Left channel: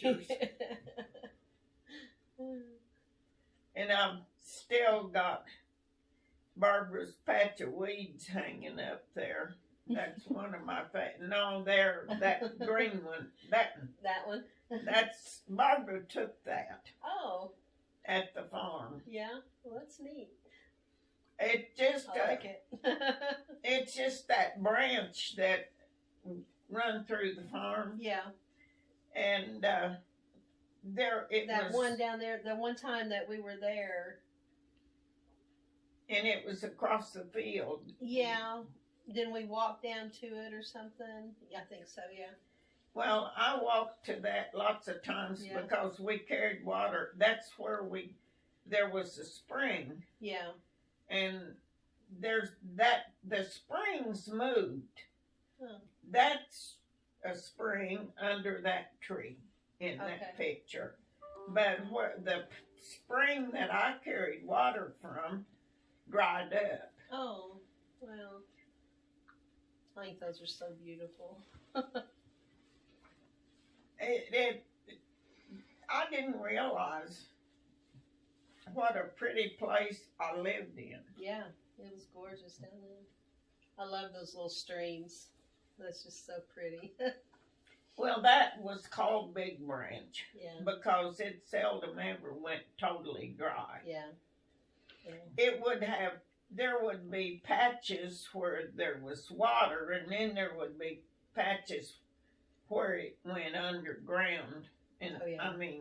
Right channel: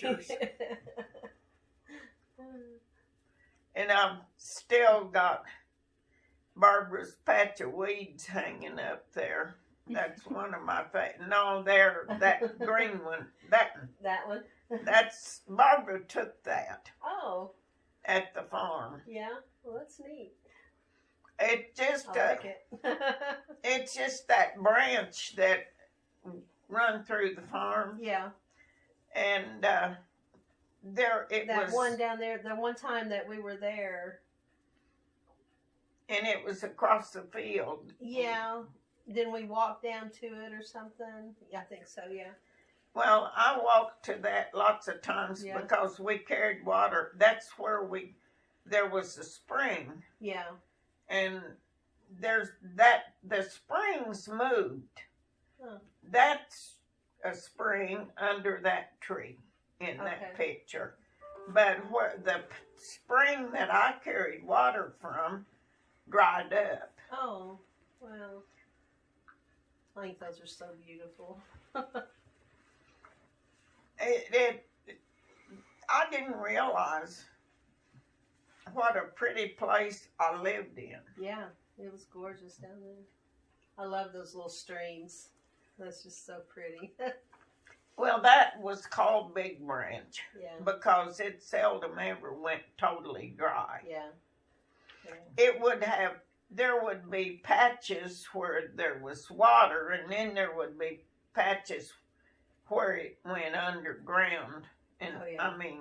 pictures. And I've still got Barbara's patch of weeds hanging up there. That's one of my favorite. No, there, that green one. That one? That's, Barbara took that. Oh. At the farm. Yeah, well, that's neat. It just, I like it. it's just that branch that run through the farm. Yeah. And there it that was. That one down there, the one time that we were there. And it was across the field. Yeah. Didn't we walk down to it or something? Yeah, I think so, yeah. Well, I walked to that lots of times because we carried water. That's where there was a spring. Yeah. And the springs moved. Huh. That's a spring under that tree in that picture. But where the spring that I carried water from dried up. Oh, well. I think those are so beautiful. I didn't realize what a pretty place I lived in. Yeah, it was gorgeous down there. I love those little streams. That's just so pretty. Well, that was called Big Branch. Yeah. Because it seldom ever went totally dry. Yeah. There would be patches where there was water, and then there would be patches where it went underground. And I mean,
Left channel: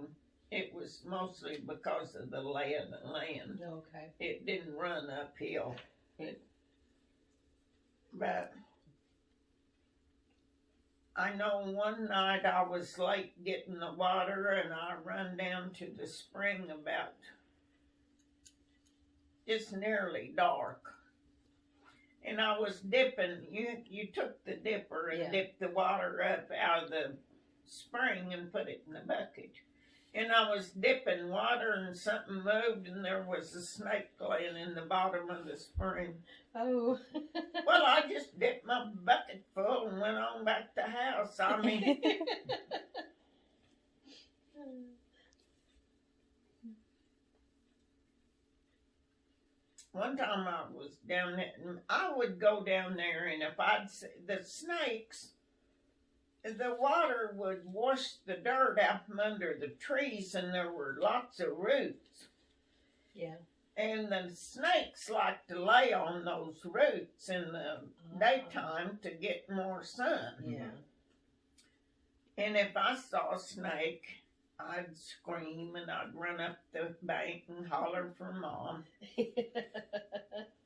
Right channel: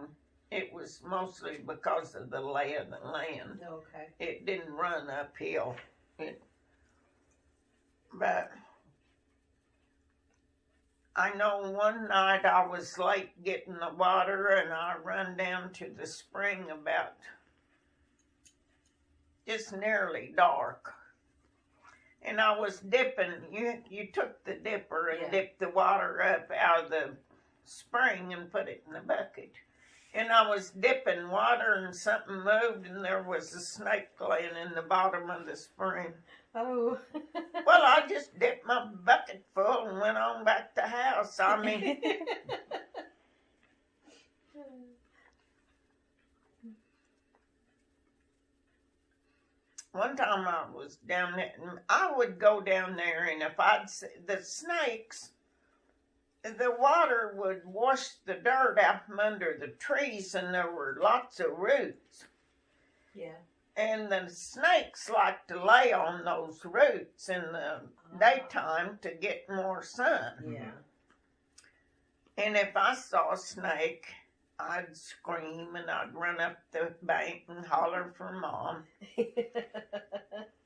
it was mostly because of the lay of the land. Okay. It didn't run uphill. But I know one night I was late getting the water, and I run down to the spring about just nearly dark. And I was dipping. You took the dipper and dipped the water up out of the spring and put it in the bucket. And I was dipping water, and something moved, and there was a snake laying in the bottom of the spring. Oh. Well, I just dipped my bucket full and went on back to the house. I mean... One time I was down there, and I would go down there, and if I'd see the snakes, the water would wash the dirt out from under the trees, and there were lots of roots. Yeah. And the snakes like to lay on those roots in the daytime to get more sun. Yeah. And if I saw a snake, I'd scream, and I'd run up the bank and holler for Mom.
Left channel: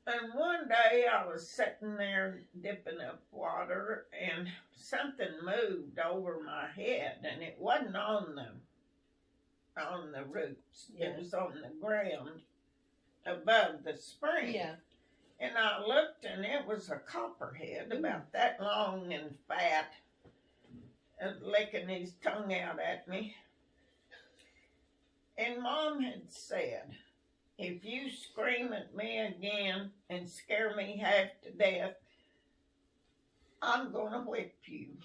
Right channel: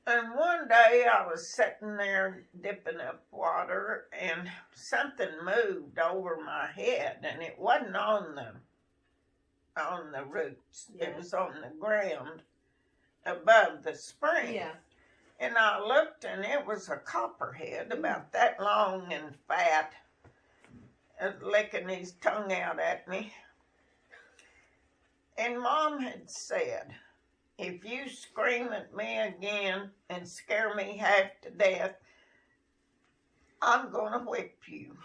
And one day I was sitting there dipping up water, and something moved over my head, and it wasn't on the roots. Yeah. It was on the ground above the spring. Yeah. And I looked, and it was a copperhead about that long and fat, licking his tongue out at me. And Mom had said, if you scream at me again and scare me half to death, I'm going to whip you.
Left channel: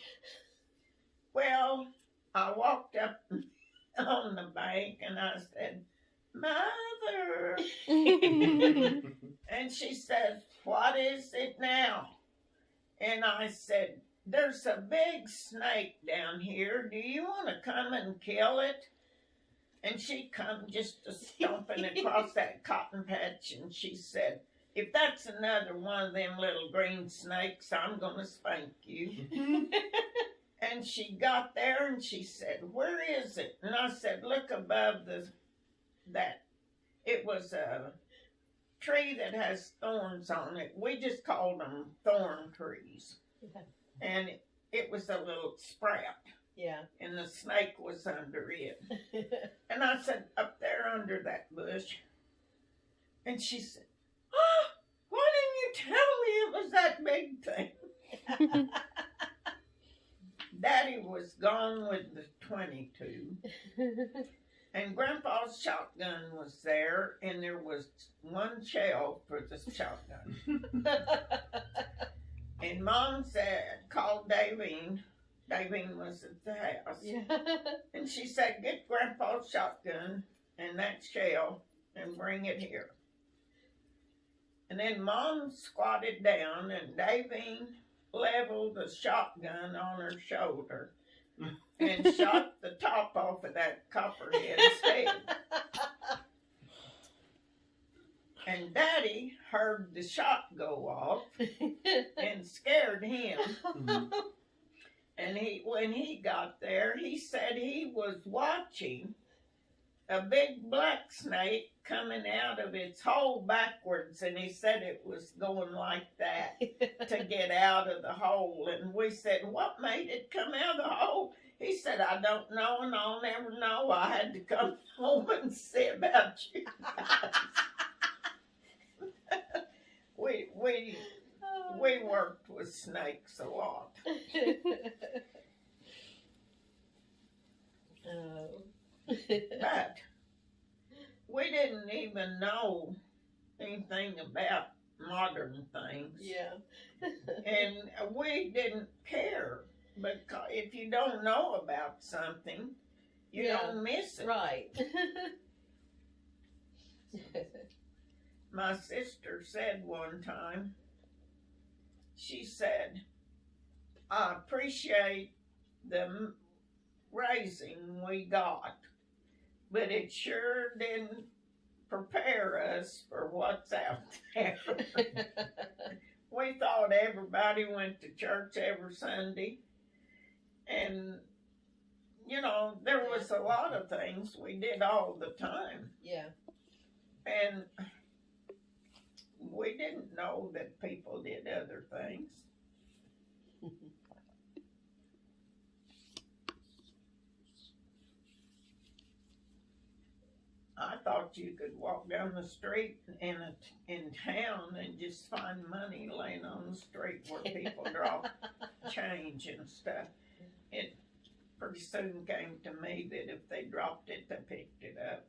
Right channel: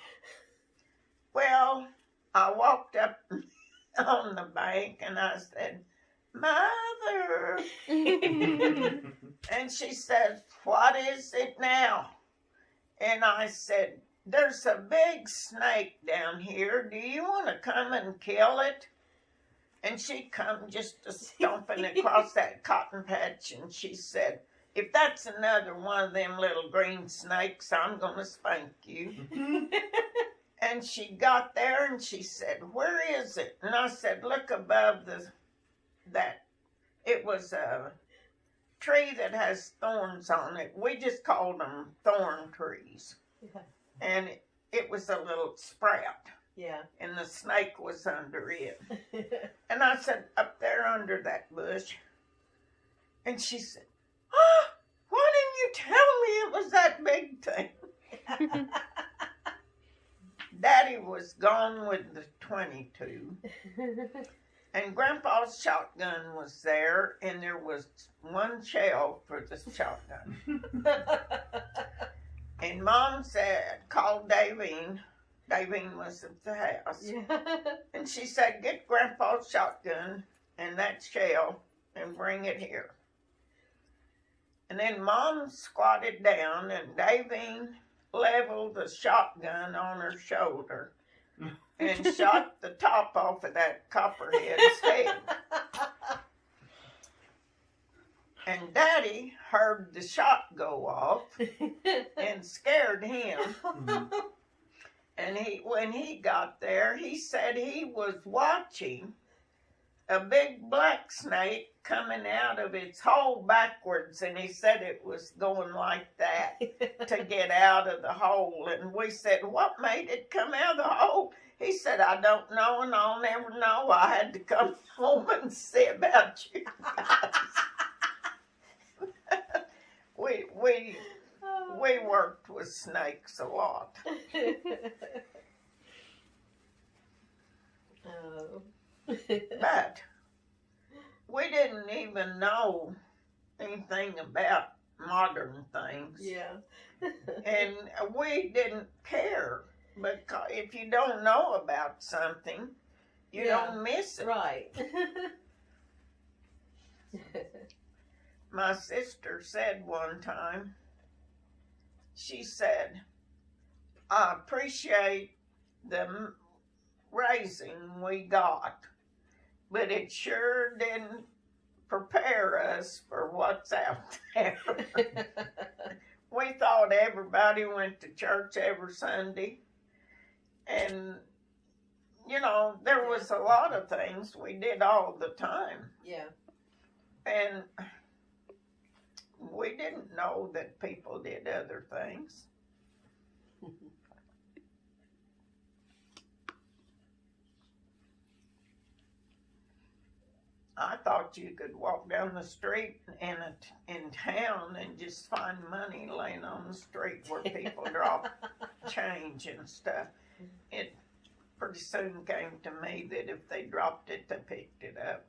Well, I walked up on the bank and I said, Mother. And she said, what is it now? And I said, there's a big snake down here. Do you want to come and kill it? And she come just stomping across that cotton patch, and she said, if that's another one of them little green snakes, I'm going to spank you. And she got there, and she said, where is it? And I said, look above that. It was a tree that has thorns on it. We just called them thorn trees. Yeah. And it was a little sprout. Yeah. And the snake was under it. And I said, up there under that bush. And she said, oh, why didn't you tell me it was that big thing? Daddy was gone with the 22. And Grandpa's shotgun was there, and there was one shell for the shotgun. And Mom said, called Davine Davine was at the house. Yeah. And she said, get Grandpa's shotgun and that shell and bring it here. And then Mom squatted down and Davine leveled the shotgun on her shoulder and shot the top off of that copperhead's head. And Daddy heard the shot go off and scared him. And when he got there, he said he was watching a big black snake coming out of its hole backwards, and he said it was going like that to get out of the hole. And we said, what made it come out of the hole? He said, I don't know, and I'll never know. I had to come home and see about you guys. We worked with snakes a lot. Oh. But we didn't even know anything about modern things. Yeah. And we didn't care. Because if you don't know about something, you Yeah. don't miss it. Right. My sister said one time, she said, I appreciate the raising we got, but it sure didn't prepare us for what's out there. We thought everybody went to church every Sunday, and you know, there was a lot of things we did all the time, Yeah. and we didn't know that people did other things. I thought you could walk down the street in town and just find money laying on the street where people drop change and stuff. It pretty soon came to me that if they dropped it, they picked it up.